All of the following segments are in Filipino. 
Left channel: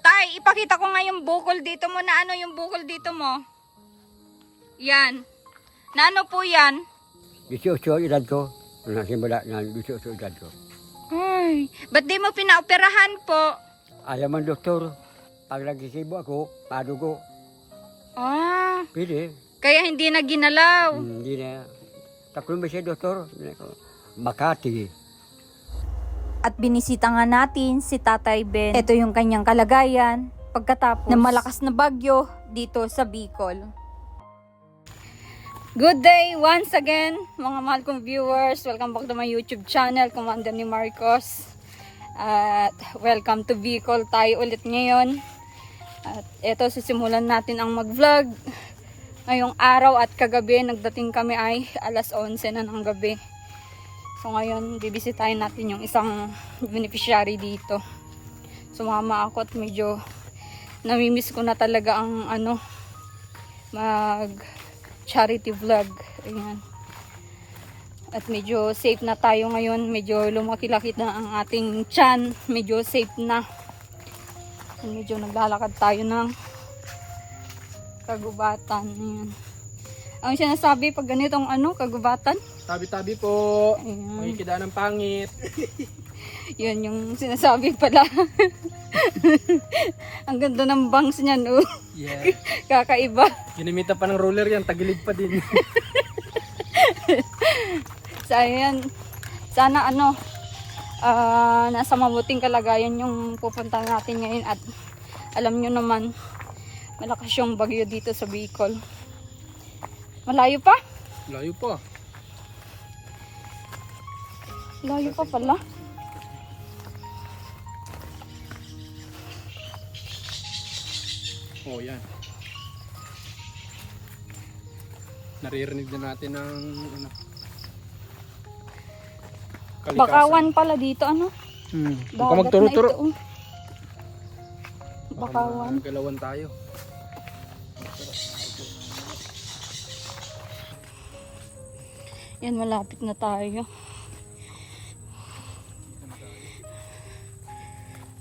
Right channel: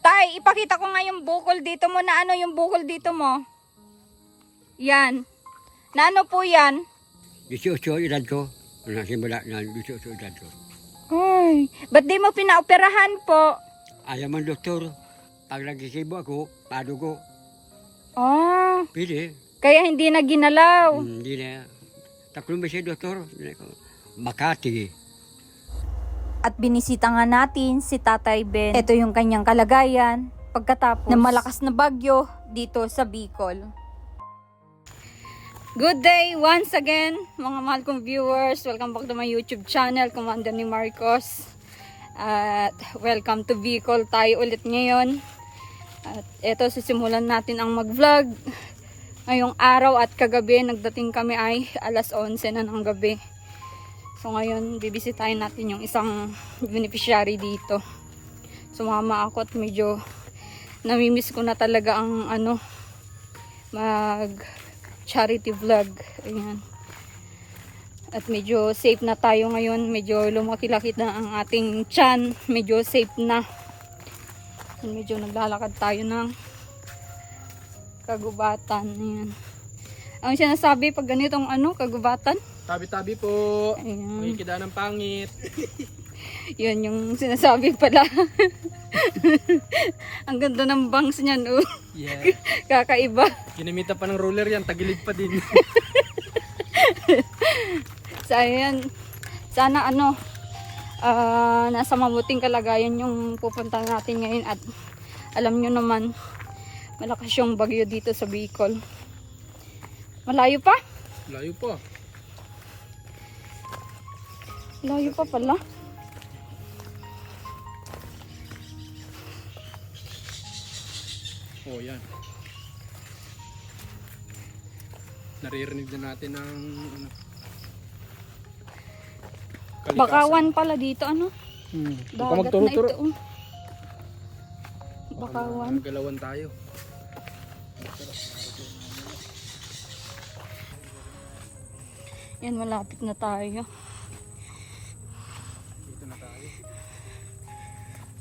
Tay, ipakita ko nga yung bukol dito mo na ano yung bukol dito mo. Yan. Na ano po yan? 18 edad ko. Ano, simula na 18 edad ko. Ay, ba't di mo pinaoperahan po? Ayaw man doktor. Pag nagkisibo ako, padugo. Ah, Pili. kaya hindi na ginalaw. Hmm, Hindi na. Taklong ba siya doktor? Makati. At binisita nga natin si Tatay Ben. Ito yung kanyang kalagayan pagkatapos ng malakas na bagyo dito sa Bicol. Good day once again, mga mahal kong viewers. Welcome back to my YouTube channel, Commander ni Marcos. At welcome to Bicol tayo ulit ngayon. At eto, sisimulan natin ang mag-vlog. Ngayong araw at kagabi, nagdating kami ay alas 11 na ng gabi. So ngayon, bibisitahin natin yung isang beneficiary dito. Sumama ako at medyo namimiss ko na talaga ang ano, mag charity vlog. Ayan. At medyo safe na tayo ngayon. Medyo lumaki-laki na ang ating chan. Medyo safe na. Medyo naglalakad tayo ng kagubatan. Ayan. Ang sinasabi pag ganitong ano, kagubatan, Tabi-tabi po. Ayan. May kida ng pangit. Yun yung sinasabi pala. Ang ganda ng bangs niyan, oh. Yeah. Kakaiba. Ginimita pa ng roller yan. Tagilid pa din. So, ayan. Sana ano, ah, nasa mabuting kalagayan yung pupunta natin ngayon at alam nyo naman, malakas yung bagyo dito sa Bicol. Malayo pa? Layo pa. Layo pa pala. Oh, yan. Naririnig na natin ng ano. kalikasan. Bakawan pala dito, ano? Hmm. Dagat na magturo-turo. ito, oh. Bakawan. Galawan tayo. Yan, malapit na tayo.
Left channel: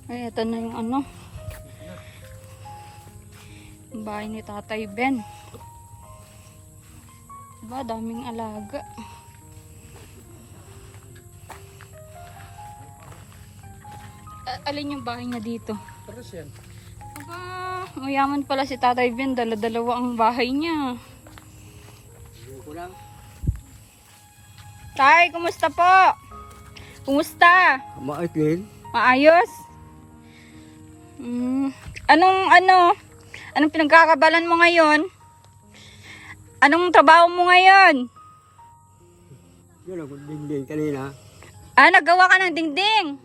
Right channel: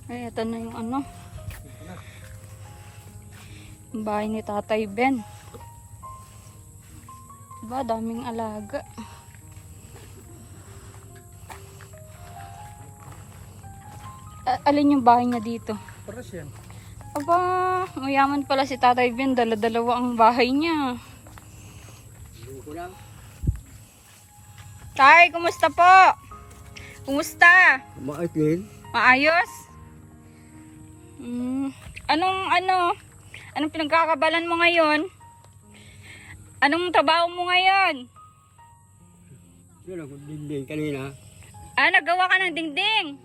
Ay, ito na yung ano. Bahay ni Tatay Ben. Diba, daming alaga. A- alin yung bahay niya dito? Tapos yan. Aba, mayaman pala si Tatay Ben. Dala-dalawa ang bahay niya. Ko lang. Tay, kumusta po? Kumusta? Din. Maayos? Anong ano? Anong pinagkakabalan mo ngayon? Anong trabaho mo ngayon? Yun ako dingding kanina. Ah, nagawa ka ng dingding.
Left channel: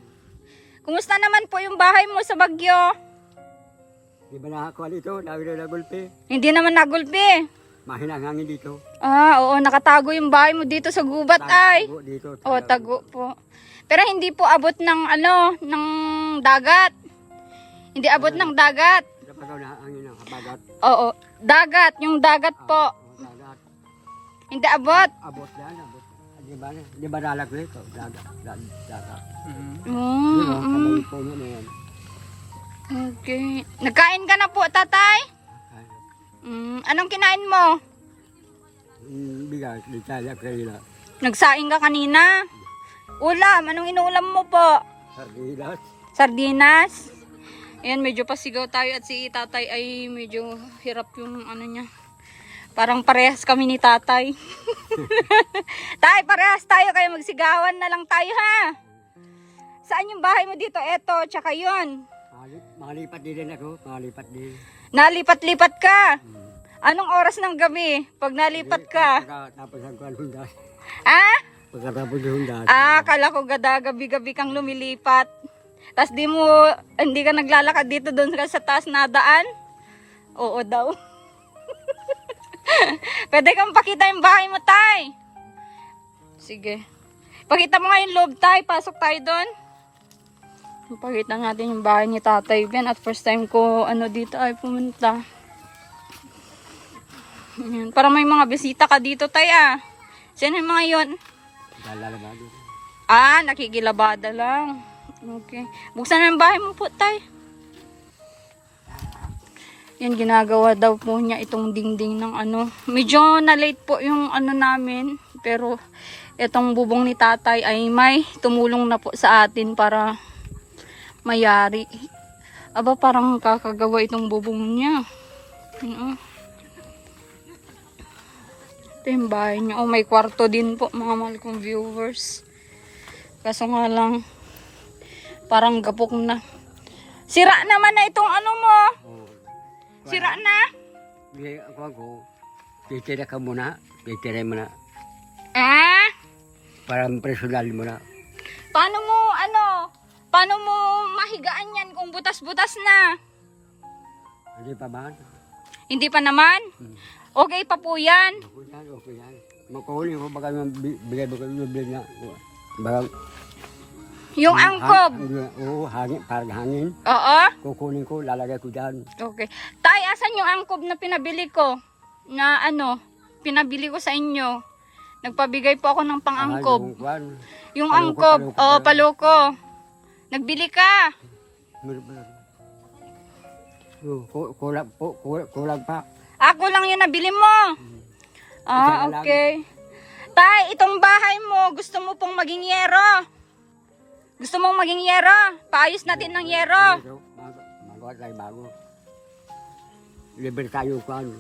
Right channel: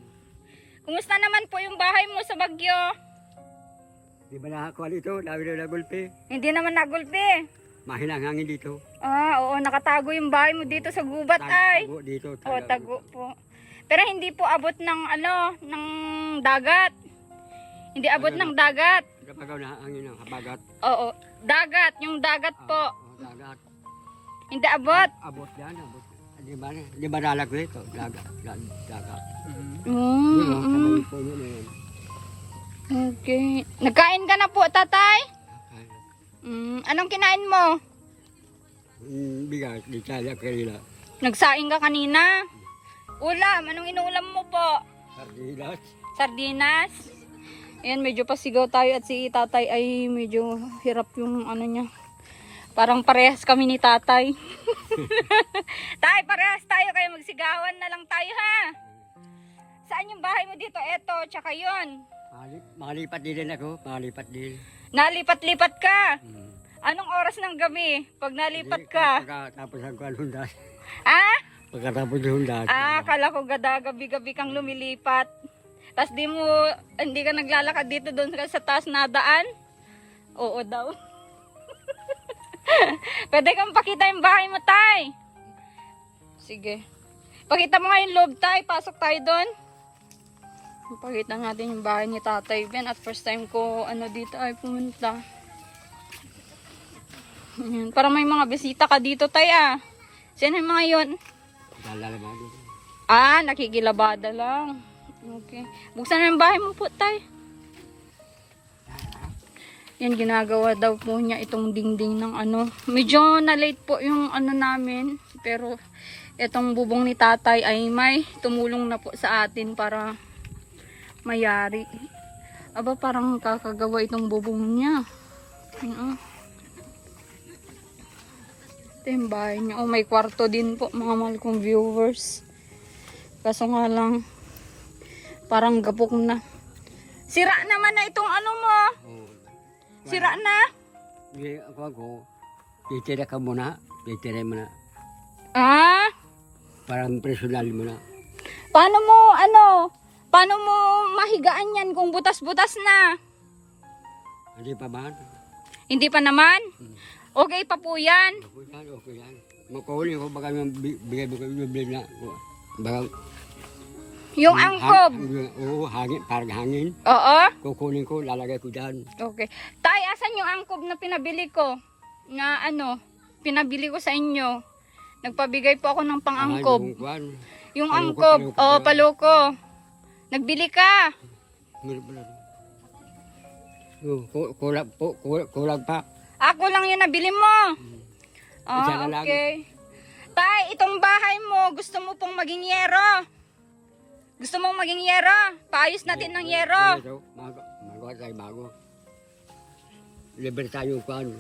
Kumusta naman po yung bahay mo sa Bagyo? Di ba nakakuha dito? Dami na nagulpi. Hindi naman nagulpi. Mahina ang hangin dito. Ah, oo, nakatago yung bahay mo dito sa gubat ay. Tago dito. Oh, tago po. Pero hindi po abot ng ano, ng dagat. Hindi abot ng dagat. Kapag ako na hangin ng habagat. Oo, dagat, yung dagat po. Dagat. Hindi abot. Abot yan, abot. Di ba, di ba nalag ko ito? Dagat. dag- Dagat. Yun Mm, mm. kamay po yun na yan. Okay. Nagkain ka na po, tatay? Ay, Mm, anong kinain mo? mm, Bigas, di tayo kanina. Nagsaing ka kanina? Ulam, anong inuulam mo po? Sardinas. Sardinas? Ayan, medyo pasigaw tayo at si tatay ay medyo hirap yung ano niya. Parang parehas kami ni tatay. tay, parehas tayo kaya magsigawan na lang tayo ha. Saan yung bahay mo dito? Eto, tsaka yun. Malip, malipat din ako, malipat din. Nalipat-lipat ka. Hmm. Anong oras ng gabi pag nalipat ka? Pagkatapos ang hundas. Ah? Pagkatapos ng hundas. Ah, kala ko gada gabi-gabi kang lumilipat. Tapos di mo, hindi ka naglalakad dito doon sa taas na daan? Oo daw. Pwede kang pakita yung bahay mo, tay. Sige. Pakita mo nga yung loob, tay. Pasok tayo doon. Pakita natin yung bahay ni Tatay Ben. At first time ko ano dito ay pumunta. Ayan. Para may mga bisita ka dito, tay ah. Sino yung mga yon? Lalalaman din. Ah, nakikilabada lang. Okay. Buksan na yung bahay mo po, tay. Yun, ginagawa daw po niya itong dingding ng ano. Medyo na-late po yung ano namin. Pero, itong bubong ni tatay ay may tumulong na po sa atin para mayari. Aba, parang kakagawa itong bubong niya. Ano? Ito yung bahay niya. Oh, may kwarto din po, mga mahal kong viewers. Kaso nga lang, parang gapok na. Sira naman na itong ano mo. Oh. Sira na. Ako ako. Titira ka muna. Titira mo na. Ah? Parang personal mo na. Paano mo, ano? Paano mo mahigaan yan kung butas-butas na? Hindi pa ba? Hindi pa naman? Okay pa po yan. Okay yan, okay yan. Makuhuli ko baka yung bi- bigay mo kayo bigay na. Baka Yung angkob. Oo, hangin, parang hangin. Oo. Kukunin ko, lalagay ko dyan. Okay. Tay, asan yung angkob na pinabili ko? Na ano, pinabili ko sa inyo. Nagpabigay po ako ng Ah, pang-angkob. Yung kwan. Yung Paloko, angkob. paloko Oo, pala. paloko. Nagbili ka. Oh, ku- kulang, po, kulang, pa. Ako lang yung nabili mo. Ah, okay. Tay, itong bahay mo, gusto mo pong maging yero. Gusto mong maging yero? Paayos natin ng yero. Ito, mag magawa tayo bago. Libre tayo kwan.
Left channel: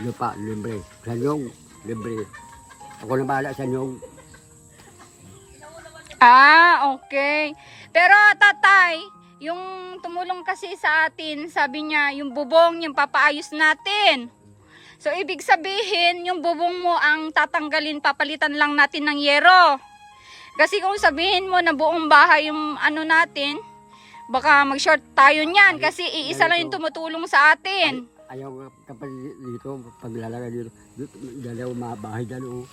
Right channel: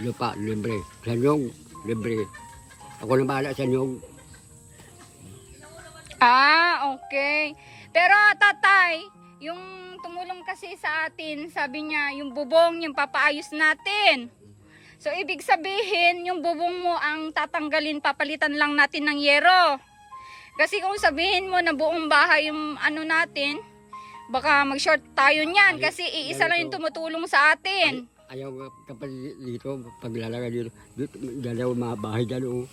Lupa, libre. Sa nyong, libre. Ako na bahala sa nyong. Ah, okay. Pero tatay, yung tumulong kasi sa atin, sabi niya, yung bubong, yung papaayos natin. So, ibig sabihin, yung bubong mo ang tatanggalin, papalitan lang natin ng yero. Kasi kung sabihin mo na buong bahay yung ano natin, baka mag-short tayo niyan kasi iisa lang yung tumutulong sa atin. Ayaw kapag dito, paglalagay dito, dito, dalawa mga bahay dyan, oh.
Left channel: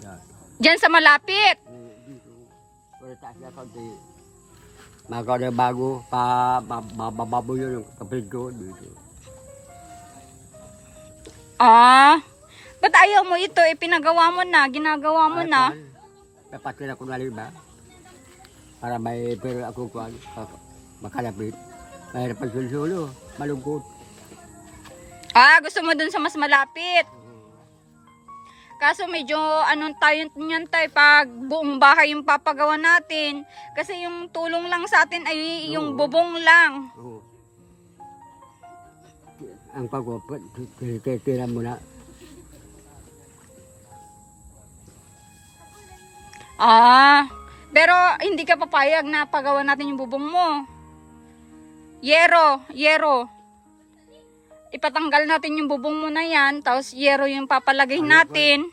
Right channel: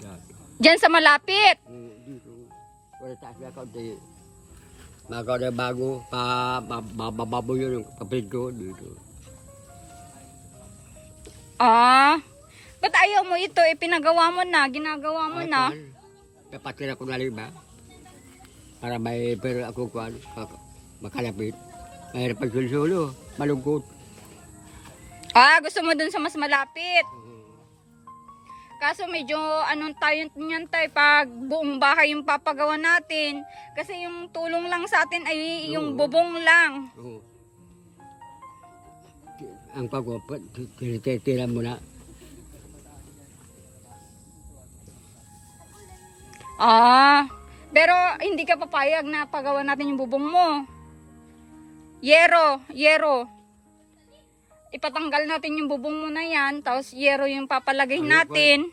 Yan. Diyan sa malapit. Oh, dito. Wala taas na kaunti. Magawa na bago, pa, mabababo yun yung kapatid ko dito. Ah, ba't ayaw mo ito? Eh, pinagawa mo na, ginagawa mo na. Kapatid ako na ba? Para may pero ako kuan, makalapit. Mahirap pag sulo, malungkot. Ah, gusto mo dun sa mas malapit. Kaso medyo anong tayo niyan tayo pag buong bahay yung papagawa natin. Kasi yung tulong lang sa atin ay yung Oo. bubong lang. Oo. Ang pagwapat, tinitira mo na. Ah, pero hindi ka papayag na pagawa natin yung bubong mo. Yero, yero. Ipatanggal natin yung bubong mo na yan, tapos yero yung papalagay Ano, natin.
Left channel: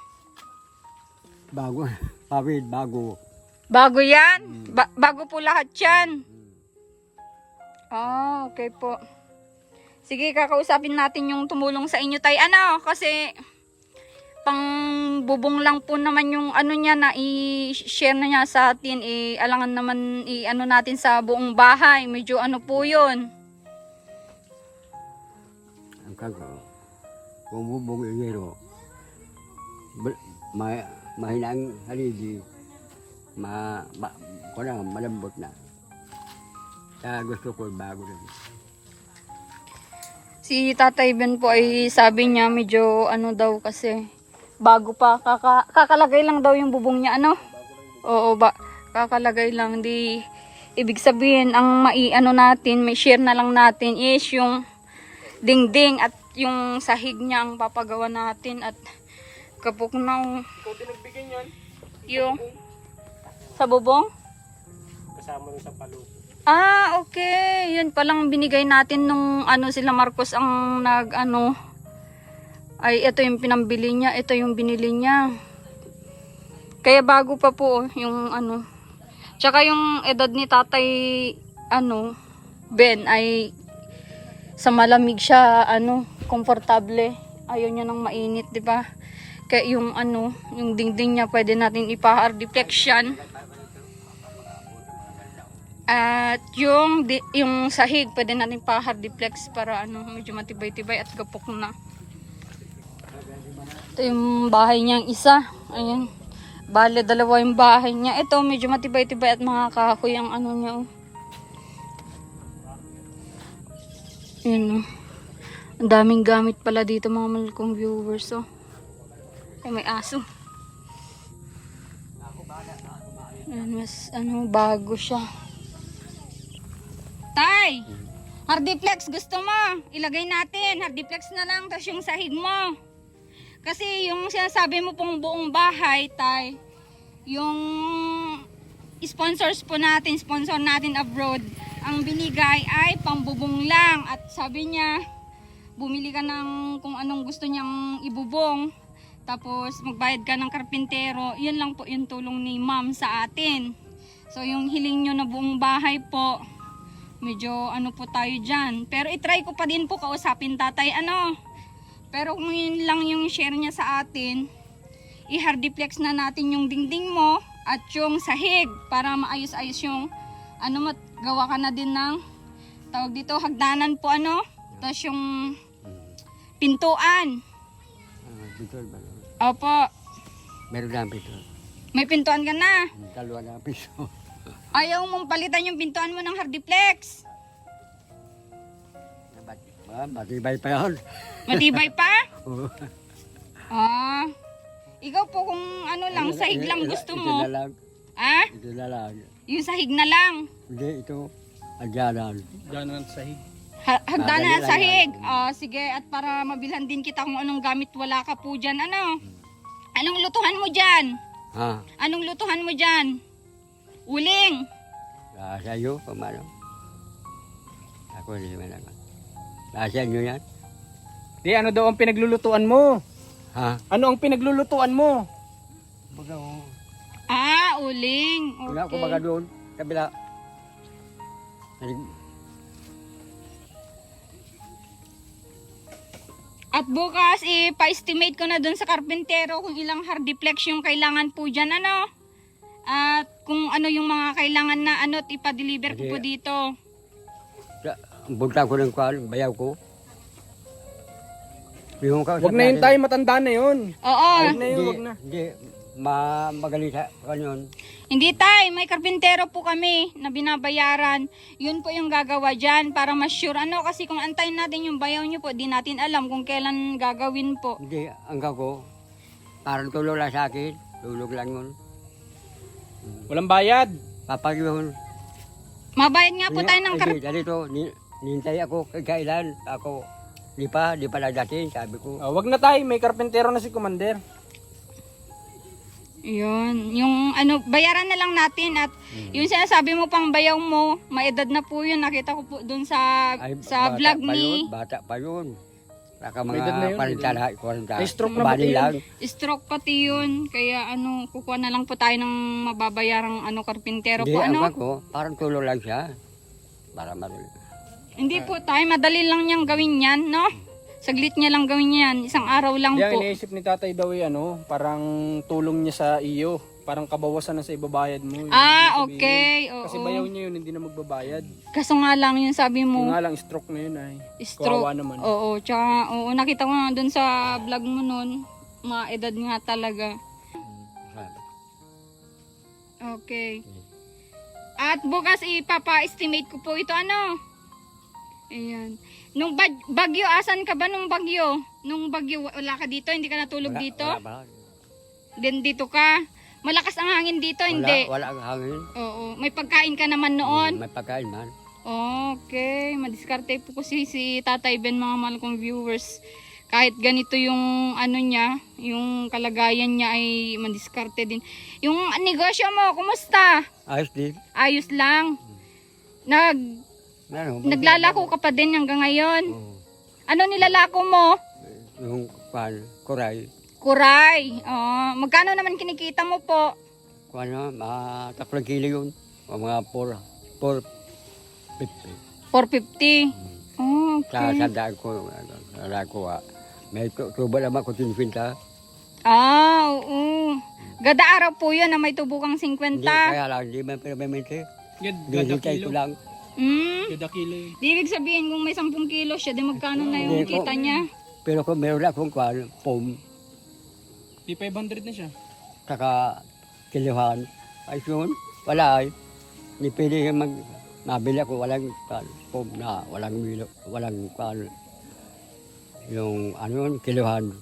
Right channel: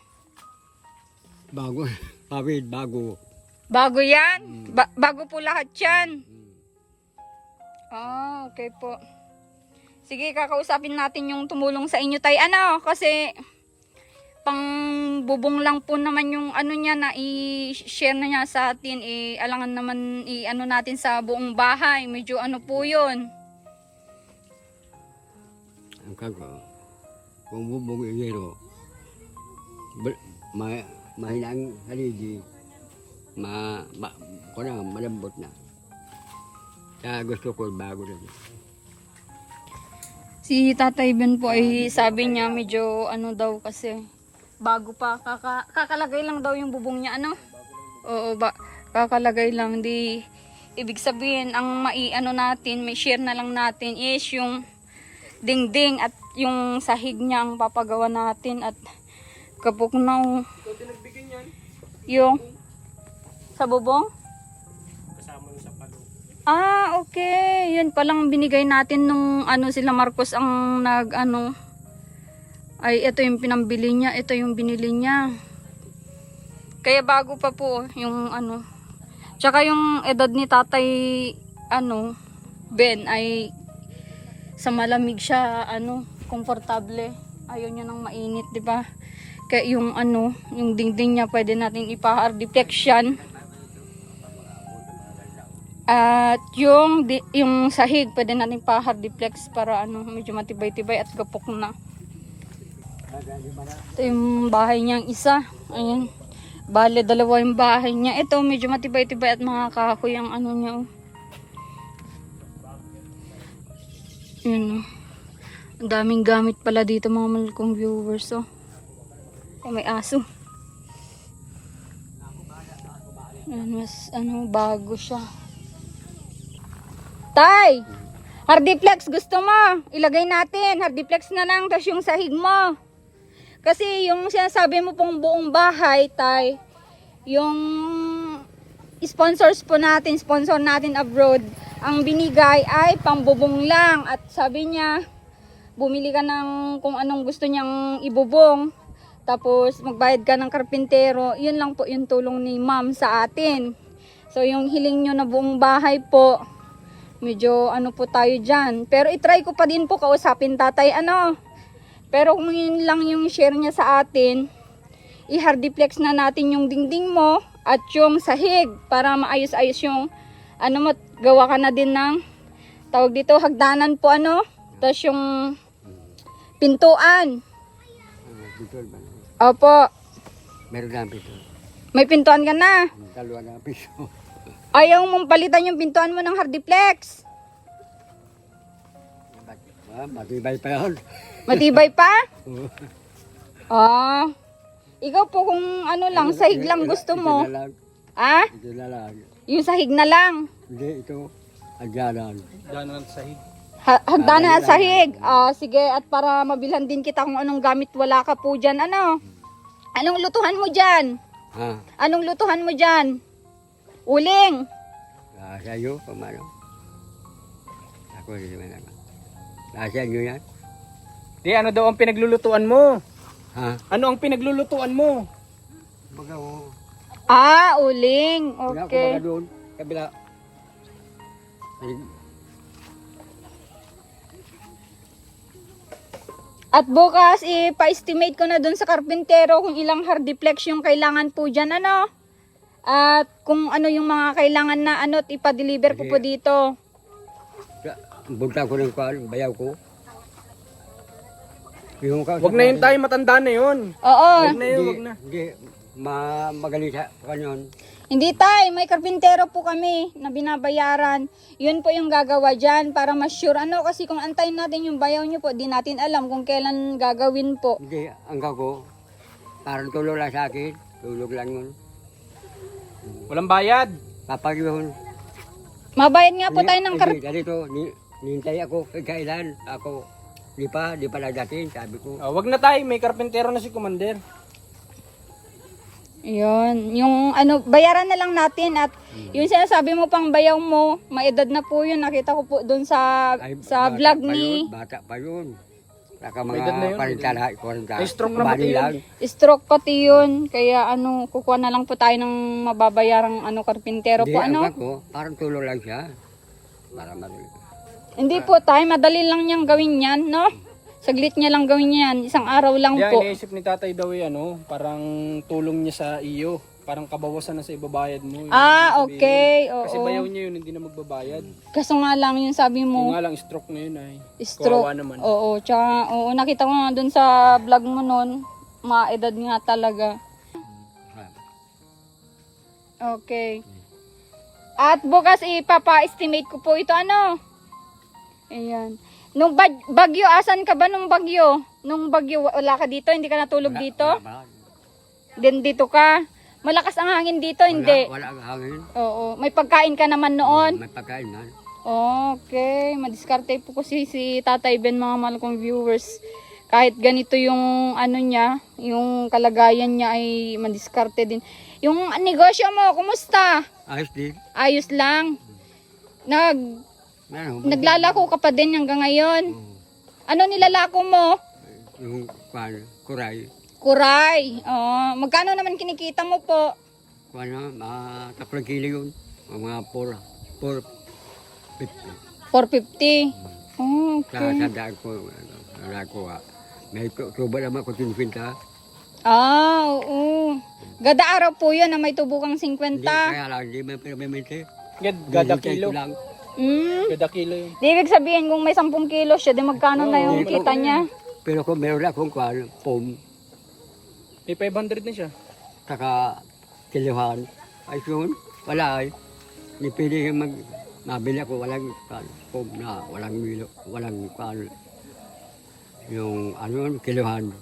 Bago, pawid, bago. Bago yan? Ba- bago po lahat yan? Ah, okay po. Sige, kakausapin natin yung tumulong sa inyo tay. Ano, kasi pang bubong lang po naman yung ano niya na i-share na niya sa atin. I alangan naman i ano natin sa buong bahay. Medyo ano po yun. Ang kago, kung bubong ingero, ma, mahinang haligi, ma, ma, ko na, malambot na. Kaya gusto ko bago na. Si Tatay Ben po ay sabi niya medyo ano daw kasi bago pa kaka, kakalagay lang daw yung bubong niya ano. Oo ba kakalagay lang di ibig sabihin ang mai ano natin may share na lang natin is yung dingding at yung sahig niya ang papagawa natin at kapok na yung sa bubong Kasama sa palo. Ah, okay. Yun palang binigay natin nung ano sila Marcos ang nag ano. Ay, ito yung pinambili niya. Ito yung binili niya. Kaya bago pa po yung ano. Tsaka yung edad ni tatay ano, Ben ay sa malamig siya ano, komportable. Ayaw niya ng mainit, 'di ba? Kaya yung ano, yung dingding niya pwede natin ipa-hard deflection. At yung di, yung sahig pwede natin pa hard deflex para ano medyo matibay-tibay at gapok na. Ito yung bahay niyang isa. Ayan. Bale dalawa yung bahay niya. Ito medyo matibay-tibay at mga kahoy ang ano niya. Oh. Yun oh. Ang daming gamit pala dito mga mahal kong viewers. Oh. Ay, may aso. Ayan, mas ano, bago siya. Tay! Hardiplex, gusto mo? Ilagay natin. Hardiplex na lang, tapos yung sahig mo. Kasi yung sinasabi mo pong buong bahay, tay, yung sponsors po natin, sponsor natin abroad, ang binigay ay pambubong lang. At sabi niya, bumili ka ng kung anong gusto niyang ibubong. Tapos magbayad ka ng karpintero. Yun lang po yung tulong ni ma'am sa atin. So yung hiling nyo na buong bahay po, medyo ano po tayo dyan. Pero itry ko pa din po kausapin tatay ano. Pero kung yun lang yung share niya sa atin, i-hardiplex na natin yung dingding mo at yung sahig para maayos-ayos yung ano mo, gawa ka na din ng tawag dito, hagdanan po ano. Tapos yung pintuan. Opo, meron na pito. may pintuan ka na. Dalawa na piso. Ayaw mong palitan yung pintuan mo ng hardiplex. Ah, matibay pa yun. Matibay pa? Ah. Ikaw po kung ano lang, sahig lang gusto mo. Ito na lang. Ah? Ito na lang. Yung sahig na lang. Hindi, ito. Adyanan. Gano'n sa Ha- Hagdanan sahig. Ah, sige. At para mabilhan din kita kung anong gamit wala ka po dyan. Ano? Anong lutuhan mo dyan? Ha? Anong lutuhan mo dyan? Uling. Ah, sa iyo, pamalo. Ako hindi naman ako. Nasa inyo yan? Di, ano daw ang pinaglulutuan mo? Ha? Ano ang pinaglulutuan mo? Baga ko. Ah, uling. Wala ko Okay. baga doon. Kabila. Ay, At bukas, ipa-estimate ko na dun sa karpintero kung ilang hardiplex yung kailangan po dyan, ano? At kung ano yung mga kailangan na ano, at ipa-deliver ko po dito. Bunta ko rin ko, bayaw ko. Yung kausap Huwag na yun natin, tayo, matanda na yun. Oo. Huwag na yun, Hindi, huwag na. hindi. Ma magaling sa kanyon. Hindi tay, may karpintero po kami na binabayaran. Yun po yung gagawa dyan para mas sure. Ano kasi kung antayin natin yung bayaw nyo po, di natin alam kung kailan gagawin po. Hindi, ang ko. Parang tulog lang sa akin. Tulog lang yun. Walang bayad. Papag yun. Mabayad nga po tayo ng kar... Hindi, ganito, ni, nintay ako kay kailan. Ako, di pa, di pa nagdating. Sabi ko, Ah, wag na tayo, may karpentero na si Commander. Yun, yung ano, bayaran na lang natin at yung sinasabi mo pang bayaw mo, maedad na po yun. Nakita ko po doon sa ay, sa bata vlog pa ni yun, bata pa yun. Naka Edad na yun, mga 40 40. May stroke na Bali ba lang. Stroke pati yun. Kaya ano, kukuha na lang po tayo ng mababayarang ano, karpintero Hindi, po. Ano? ko, parang tulog lang siya. Para madali. Hindi po tayo, madali lang niyang gawin yan, no? Saglit niya lang gawin yan. Isang araw lang Yan, po. iniisip ni tatay daw eh, ano, parang tulong niya sa iyo. Parang kabawasan na sa ibabayad mo. Yung Ah, sabihin. okay. Kasi Oo. bayaw niya yun, hindi na magbabayad. Kaso nga lang yung sabi Yung mo, nga lang, stroke na yun ay. stroke. Kawawa naman. Oo, tsaka, oo, nakita ko nga dun sa vlog mo nun, mga edad nga talaga. Okay. At bukas ipapa-estimate ko po ito ano. Ayan. Nung bag- bagyo, asan ka ba nung bagyo? Nung bagyo, wala ka dito? Hindi ka natulog Wala- dito? Wala ba? Din dito ka? Malakas ang hangin dito, hindi? Wala, wala ang hangin. Oo. May pagkain ka naman noon? May pagkain man. Okay, madiskarte po kasi si Tatay Ben mga mahal kong viewers. Kahit ganito yung ano niya, yung kalagayan niya ay madiskarte din. Yung negosyo mo, kumusta? Ayos din. Ayos lang. Nag Ano, naglalako ka pa din hanggang ngayon. Oo. Ano nilalako mo? Yung kwan, kuray. Kuray. Oh, magkano naman kinikita mo po? Kwan na, mga tatlong kilo yun. O mga 4, 4, 50. 450. Oh, Sa okay. sandaan ko, ano, ko, ah. May tu- tubo naman ko tinfinta. Ah, oo. Gada araw po yun na may tubukang 50. Hindi, kaya lang, hindi may mente. Gad, gada Hintay kilo. ko lang. Mm. Gada kilo yun. Di ibig sabihin kung may 10 kilo siya, di magkano na yung Oo. kita niya? Pero kung meron akong kwan, pum, May 500 na siya. saka kiluhan, ay yun, wala ay. Hindi pwede ka mag, mabili ako, walang kwan, pum na, walang milo, walang kwan. yung ano yun, kiluhan.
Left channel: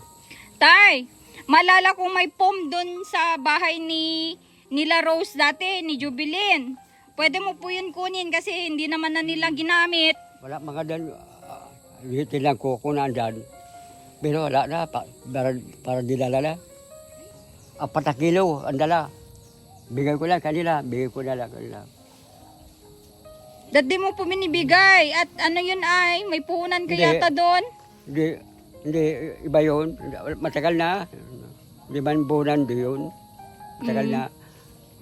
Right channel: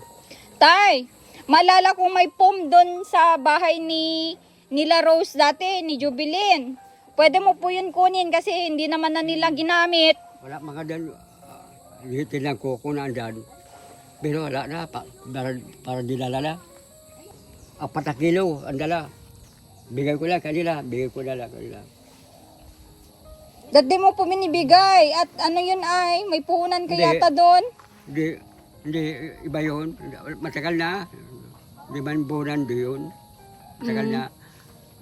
Tay, malala kong may pom doon sa bahay ni nila Rose dati, ni Jubilin. Pwede mo po yun kunin kasi hindi naman na nila ginamit. Wala mga dan, uh, hitin lang ko kung nandyan. Pero wala na, pa, para, para dinala na. Apat na kilo, ang dala. Bigay ko lang kanila, bigay ko na lang kanila. Dati mo po binibigay. At ano yun ay, may puhunan ka Hindi. yata doon. Hindi, hindi, iba yun. Matagal na. Di man bulan di yun. Matagal na.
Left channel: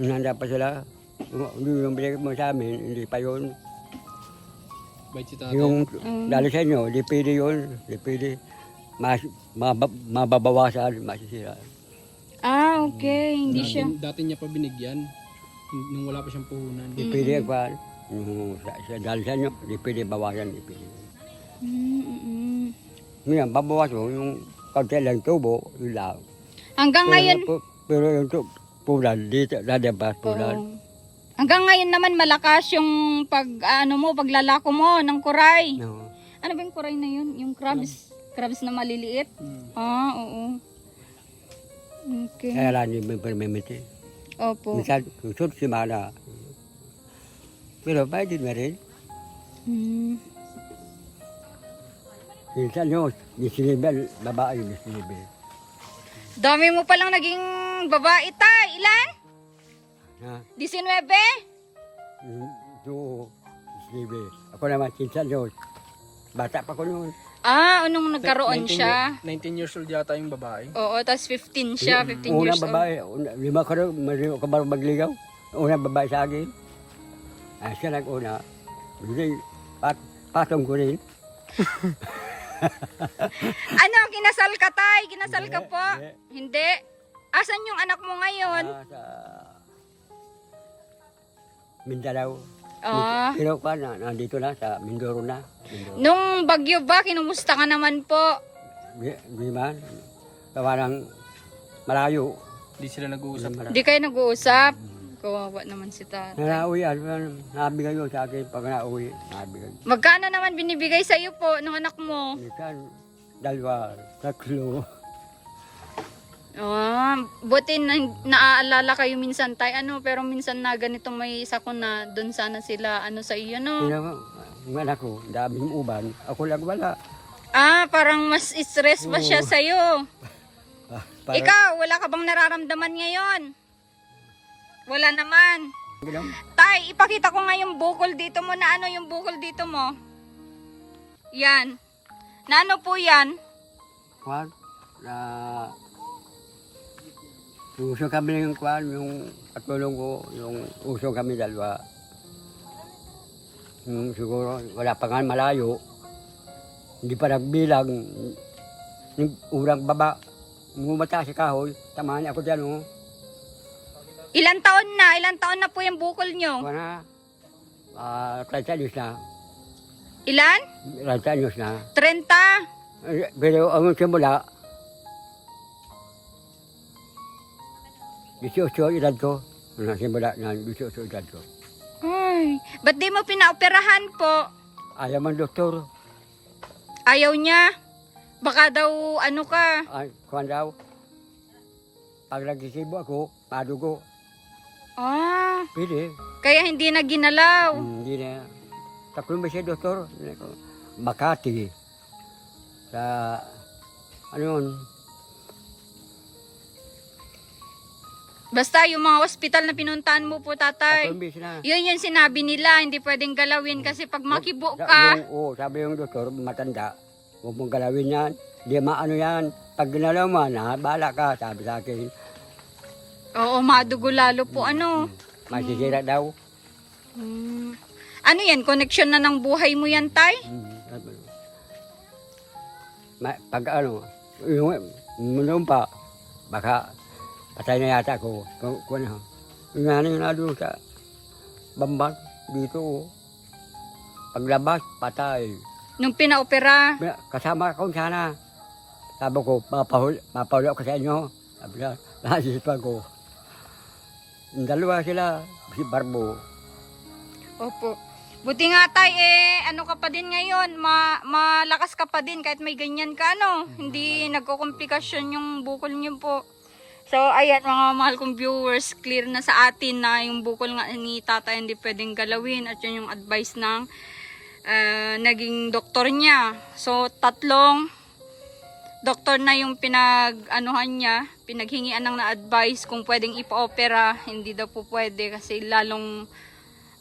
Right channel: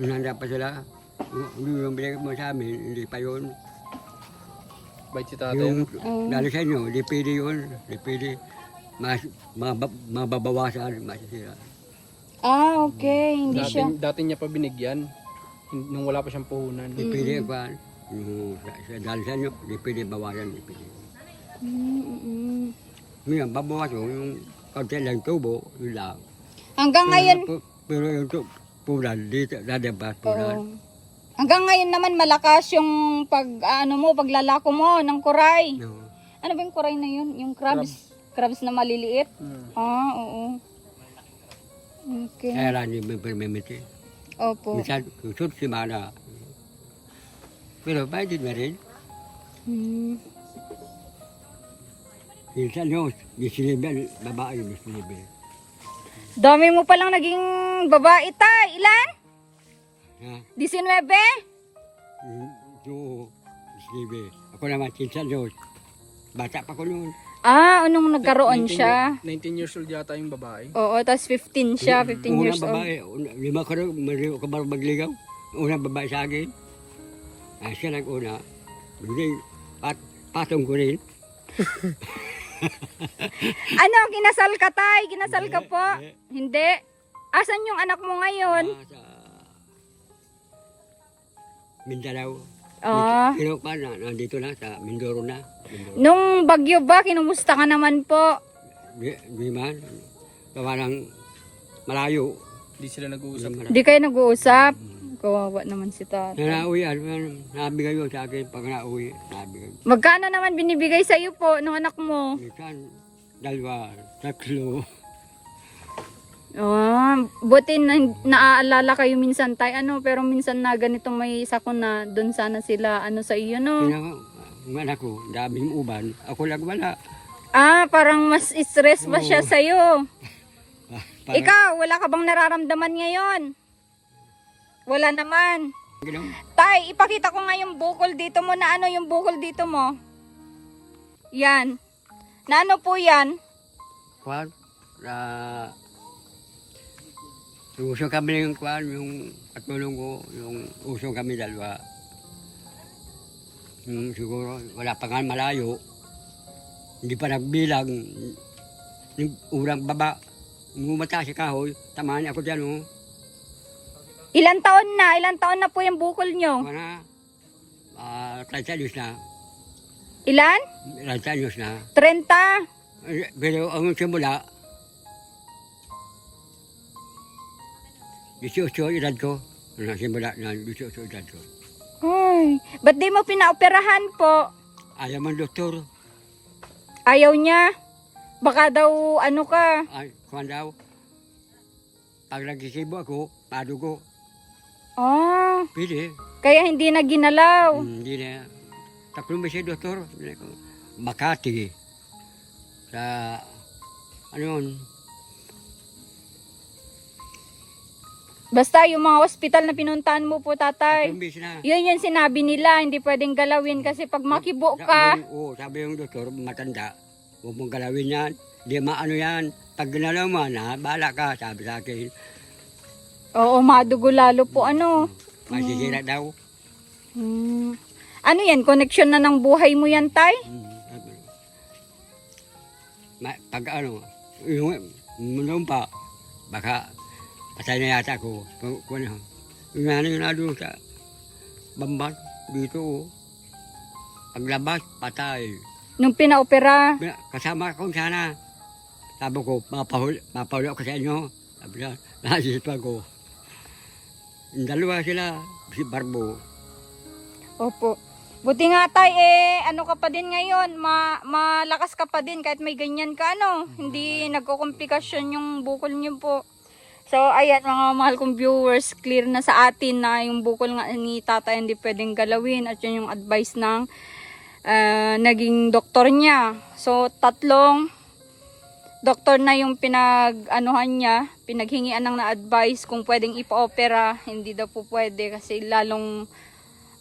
Nanda pa sila. Hindi yung binigay mo sa amin, hindi pa yun. Bait si tatay. Yung Mm. dali sa inyo, di pwede yun. Di pwede. Mas, mabab, mababawasan, masisira. Ah, okay. Hindi dati, siya. dati niya pa binigyan. Nung wala pa siyang puhunan. Di pwede pa. Yung sa, sa, dali sa inyo, di pwede bawasan, di pwede. Mm, mm, mm. Ngayon, babawas mo yung kaunti lang tubo, yun lang. Hanggang ngayon, Pero, pero yung tu- pulan, dito, dadabas pulan. Oo. Hanggang ngayon naman malakas yung pag ano mo, paglalako mo ng kuray. No. Ano ba yung kuray na yun? Yung crabs? Crabs na maliliit? Hmm. Ah, oo. Okay. Kaya lang yung permimiti. Opo. Minsan, kusot si Mana. Pero pwede na rin. Hmm. Minsan yung disiliban, babae yung disiliban. Dami mo palang naging babae ta. Ilan? Ha? 19? Yung yung disiliban. Ako naman, minsan yun. Bata pa ko noon. Ah, anong nagkaroon 19 siya? 19 years old yata yung babae. Oo, tapos 15 siya, 15 Unang years babae, una, lima ka rin, marino ka ba magligaw? Unang babae sa akin. Ah, siya nag-una. Hindi, pat, patong ko rin. old. Ano, kinasal ka tay? Kinasal ka Hindi, po? hindi. Hindi. Asan yung anak mo ngayon? Ah, sa Mindanao. Ah. Pero pa na, nandito na sa Mindoro na. Mindoro. Nung bagyo ba, kinumusta ka naman po? Di, di man. Tawa ng malayo. Hindi sila Di nag-uusap. Di kayo nag-uusap? Kawawa naman si tata. Na nauwi, ano, nabigay yun sa akin pag nauwi, nabigay. Magkano naman binibigay sa iyo po ng anak mo? Minsan, dalawa, tatlo. Oh, buti na, naaalala kayo minsan tay ano pero minsan na ganito may sako na doon sana sila ano sa iyo no. Sino anak ko, daming uban. Ako lang wala. Ah, parang mas stress ba siya Oo. sa iyo? Ah, Ikaw, wala ka bang nararamdaman ngayon? Wala naman. Ginaw. Tay, ipakita ko nga yung bukol dito mo na ano yung bukol dito mo. Yan. Na ano po yan? Kwan, na uso kami ng kwan, yung katulong ko, yung uso kami dalawa. Yung siguro, wala pa nga malayo. Hindi pa nagbilang. Yung urang baba, bumata si kahoy, tamaan ako dyan, oh. Ilan taon na? Ilan taon na po yung bukol nyo? Kwan na, ah, 30 anyos na. Ilan? 30 anyos na. 30? Eh, Pero ang simula, 18 edad ko. Ang simula na 18 edad ko. Ay, ba't di mo pinaoperahan po? Ayaw man doktor. Ayaw niya. Baka daw ano ka. Ay, kuhan daw. Pag nagkisibo ako, padugo. Ah, Pwede. kaya hindi na ginalaw. Hmm, Hindi na. Tatlong beses doktor. Makati. Sa, ano yun? Basta yung mga ospital na pinuntahan mo po, tatay. Tatlong beses na. Yun yung sinabi nila, hindi pwedeng galawin kasi pag makibo ka, Yung, oh, sabi yung doktor, matanda. Huwag mong galawin yan. Di maano yan. Pag ginalaw mo, na, bala ka, sabi sa akin. oo, madugo lalo po ano. Masisira daw. Hmm. Ano yan, connection na ng buhay mo yan, tay? Mm, sabi. Ma, pag ano, yung noon pa, baka patay na yata ako. Kung, ano, yung ano yung nado sa bambat, dito, paglabas, patay. Nung pinaopera. Kasama ko sana. Sabi ko, mapahul, mapahuli ako sa inyo. Sabi niya, nasisipan ko. Yung dalawa sila, si Barbo. Opo. Buti nga tay eh, ano ka pa din ngayon, ma malakas ka pa din kahit may ganyan ka ano. Hindi nagko-komplikasyon yung bukol niyo po. So ayan mga mahal kong viewers, clear na sa atin na yung bukol nga ni tatay hindi pwedeng galawin at yun yung advice ng ah, naging doktor niya. So tatlong doktor na yung pinag-anuhan niya, pinaghingian ng na-advice kung pwedeng ipa-opera, hindi daw po pwede kasi lalong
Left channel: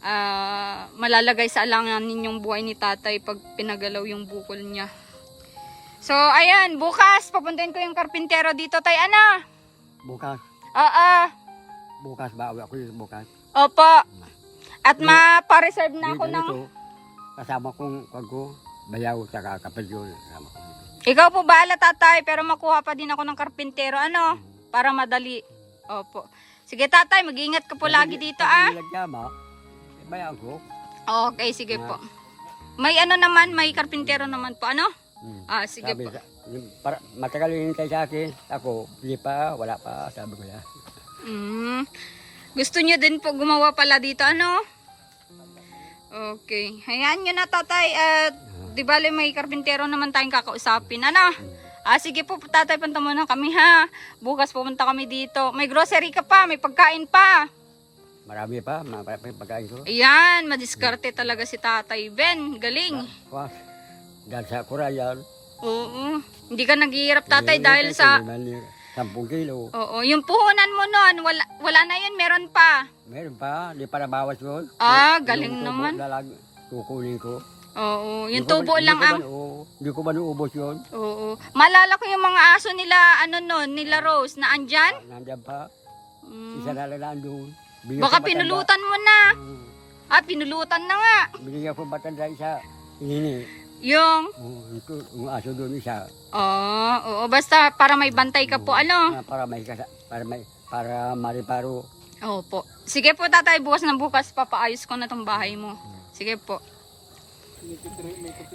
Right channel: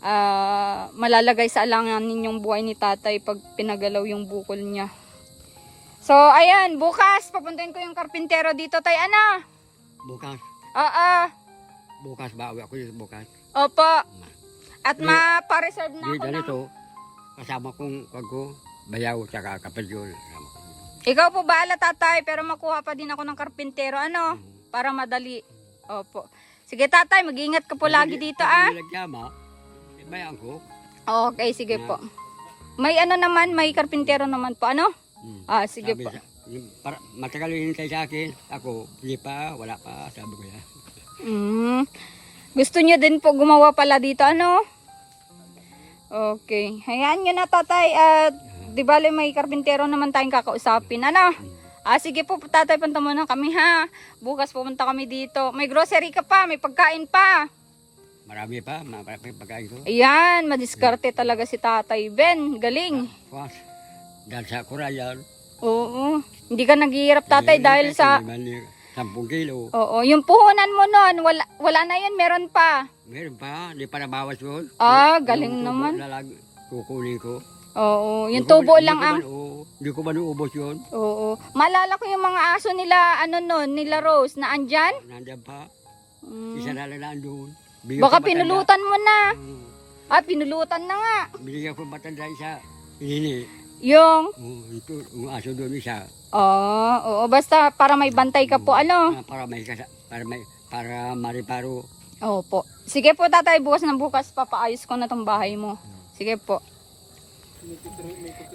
ah, malalagay sa alanganin yung buhay ni tatay pag pinagalaw yung bukol niya. So, ayan, bukas, papuntahin ko yung karpintero dito, tay, ano? Bukas. Oo, Bukas ba? Ako yung bukas. opo. At Di- ma-reserve na ako ng... ganito. Kasama kong wag ko. Bayaw Kasama ko. Ikaw po bahala, tatay, pero makuha pa din ako ng karpintero, ano? Para madali. Opo. Sige, tatay, mag-ingat ka po lagi dito, ah. Pag nilagyan bayaw ko. Okay, sige po. May ano naman, may karpintero naman po, ano? Hmm. Ah, sige Sabi po. sa, para, matagal yung hintay sa akin. Ako, hindi pa, wala pa. Sabi ko yan. Mm. Gusto niyo din po gumawa pala dito, ano? Okay. Hayaan nyo na, tatay. At, di bale, may karpintero naman tayong kakausapin, ano? Ah, sige po, tatay, punta muna kami, ha? Bukas pupunta kami dito. May grocery ka pa, may pagkain pa. Marami pa, marami pagkain ko. Ayan, madiskarte talaga si tatay Ben. Galing. Was. Dahil sa Korean. Oo. Hindi ka naghihirap, tatay, dahil sa... 10 kilo. Oo, yung puhunan mo nun, wala, wala na yun, meron pa. Meron pa, hindi pa nabawas yun. Ah, Yung galing tubo naman. na lang, kukunin ko. Oo, yung ko tubo man- lang ang... Hindi ko man uubos yun. Oo. Malala ko yung mga aso nila, ano nun, nila Rose, na andyan. Nandiyan pa. Mm. Isa na lang nandun. Bigyan Baka pinulutan mo na. Oo. Ah, pinulutan na nga. Binigyan ko matanda isa. Ini. Yung, Oh, ito, yung aso doon isa. oh, oo, basta para may bantay ka po, ano. Ah, Para may kasa, para may para mariparo. Opo. Sige po, tatay, bukas na bukas, papaayos ko na tong bahay mo. Sige po.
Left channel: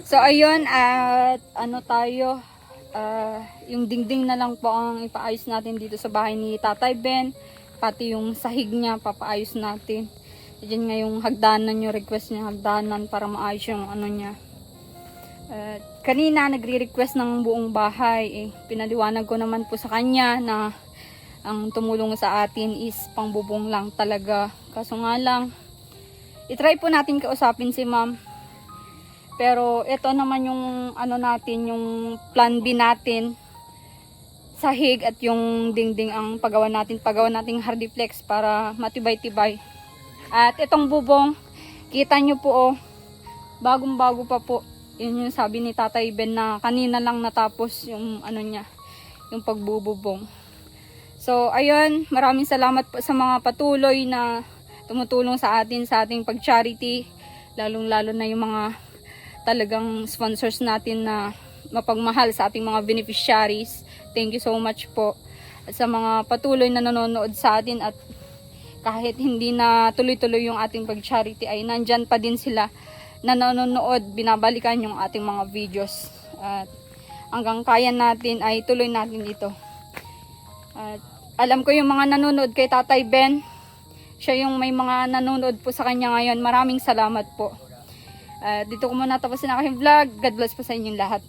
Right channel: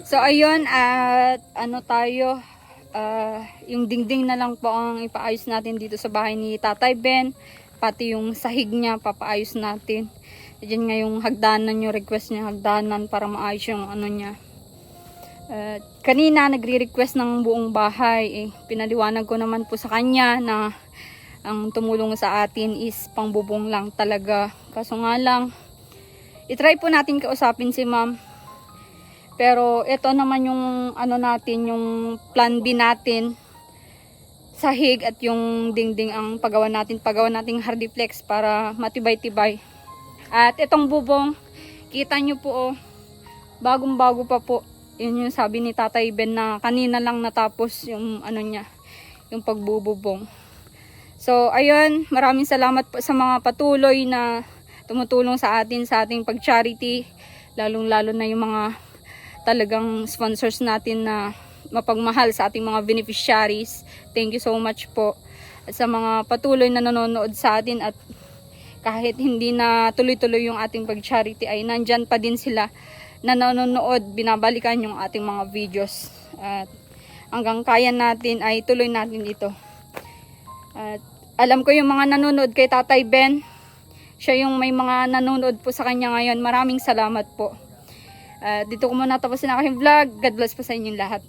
So, ayun, at ano tayo, ah, yung dingding na lang po ang ipaayos natin dito sa bahay ni Tatay Ben. Pati yung sahig niya, papaayos natin. Diyan nga yung hagdanan yung request niya, hagdanan para maayos yung ano niya. At kanina nagre-request ng buong bahay. Eh, pinaliwanag ko naman po sa kanya na ang tumulong sa atin is pangbubong lang talaga. Kaso nga lang, itry po natin kausapin si ma'am. Pero ito naman yung ano natin, yung plan B natin. Sahig at yung dingding ang paggawa natin. Paggawa nating hardiplex para matibay-tibay. At itong bubong, kita nyo po oh, bagong bago pa po. Yun yung sabi ni Tatay Ben na kanina lang natapos yung ano niya, yung pagbububong. So, ayun, maraming salamat po sa mga patuloy na tumutulong sa atin sa ating pag-charity. Lalong-lalo na yung mga talagang sponsors natin na mapagmahal sa ating mga beneficiaries. Thank you so much po. At sa mga patuloy na nanonood sa atin at kahit hindi na tuloy-tuloy yung ating pag-charity ay nandyan pa din sila na nanonood, binabalikan yung ating mga videos. At hanggang kaya natin ay tuloy natin ito. At alam ko yung mga nanonood kay Tatay Ben. Siya yung may mga nanonood po sa kanya ngayon. Maraming salamat po. At dito ko muna tapos na aking vlog. God bless po sa inyong lahat.